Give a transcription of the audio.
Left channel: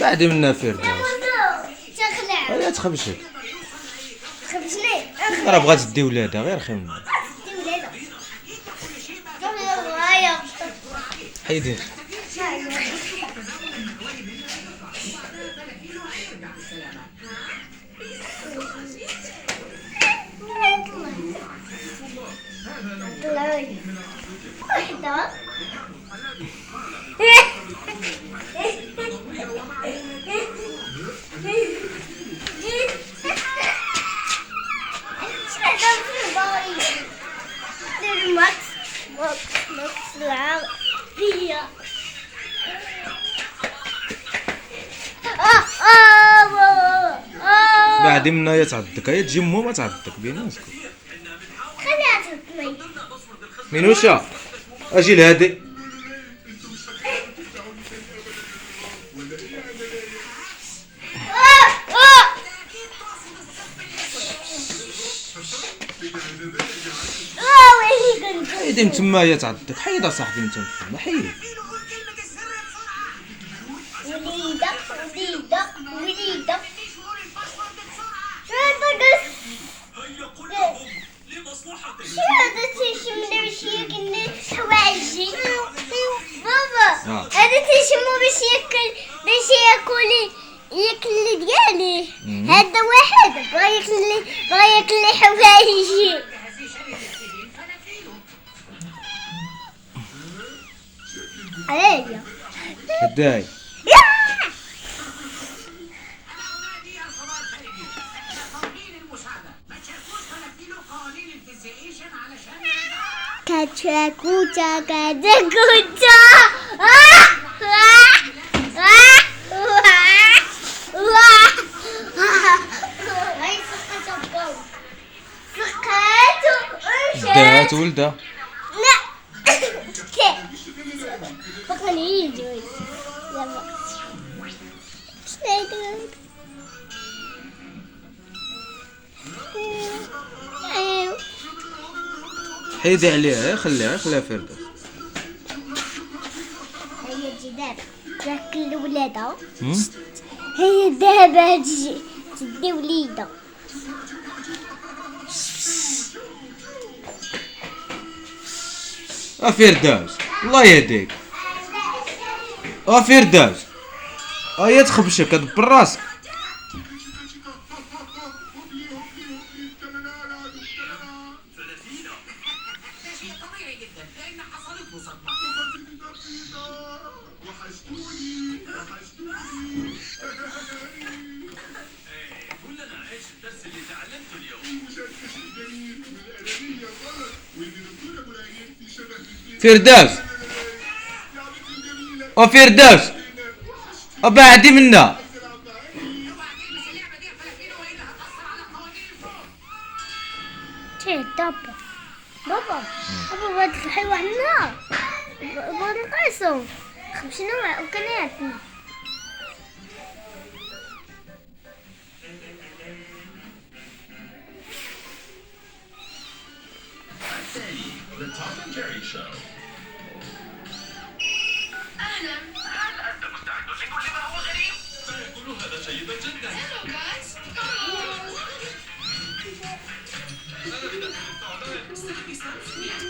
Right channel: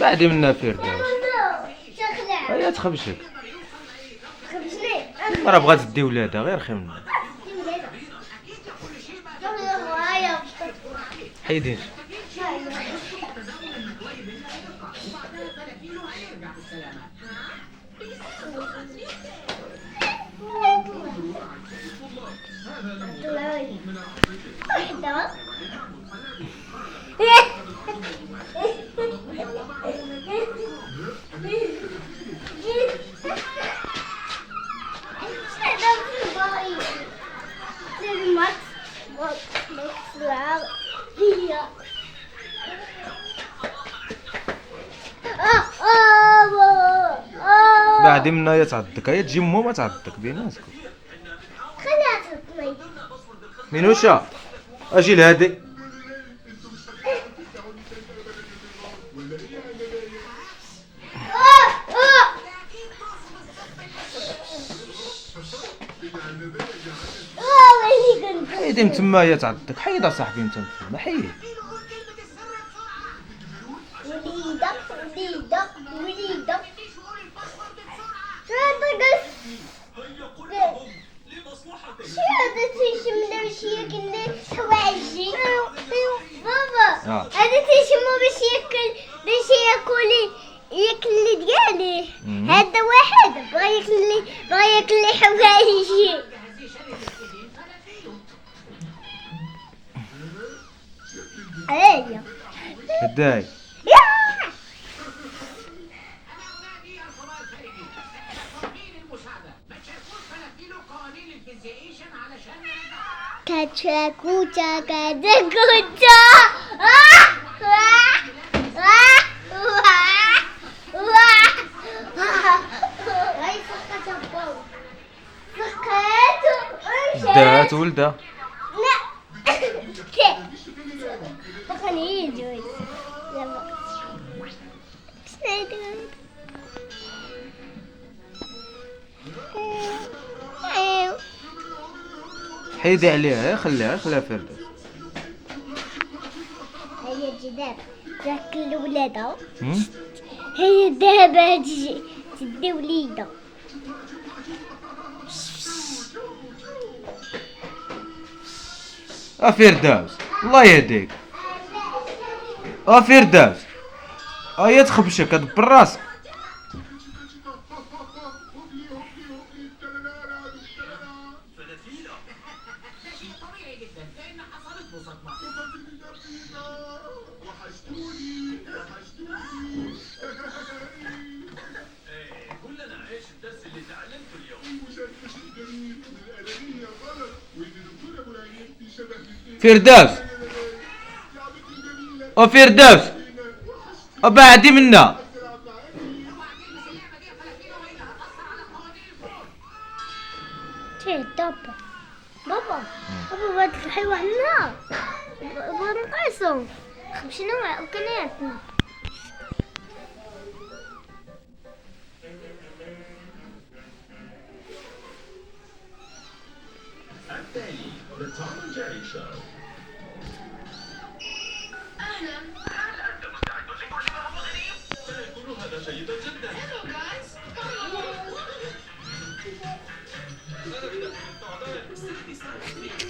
بعد منا فردوس. تخلع هيا تخبشك. خبزني راه بغات تدي ولادها غير خمم. حيدي. بعد منا يا تعضك، هيا تجي مو ما تعضك بيناتكم. منوشا اجي لهادي. حيدي من تما يا تعضك، حيد اصاحبي انت ما حيد. وليدة شو هذا تيشم باش ياكل حوايجي بابا هذا تيشمو باش ياكل ديالي هذا واحد بغا ياكل لي حوايجي عليا هداي كاتشاكوتا كاتشاكوتا دات ولده. بقني يجوي حيدي عليها، خليها فردوس. هي جدار تاكل ولادها هي دابا تدي وليدها فردوس الله يهديك. فردوس هيا تخبشك ادبر راسك. فردوس فردوس بعدي منا. بابا بابا بابا الحيوان النهار بابا نقاسو خمسنا وكناتنا The Tom and Jerry Show. أهلا هل أنت مستعد لكل ما هو غريب؟ سيكون هذا جيدا جدا. Hello guys. Come on.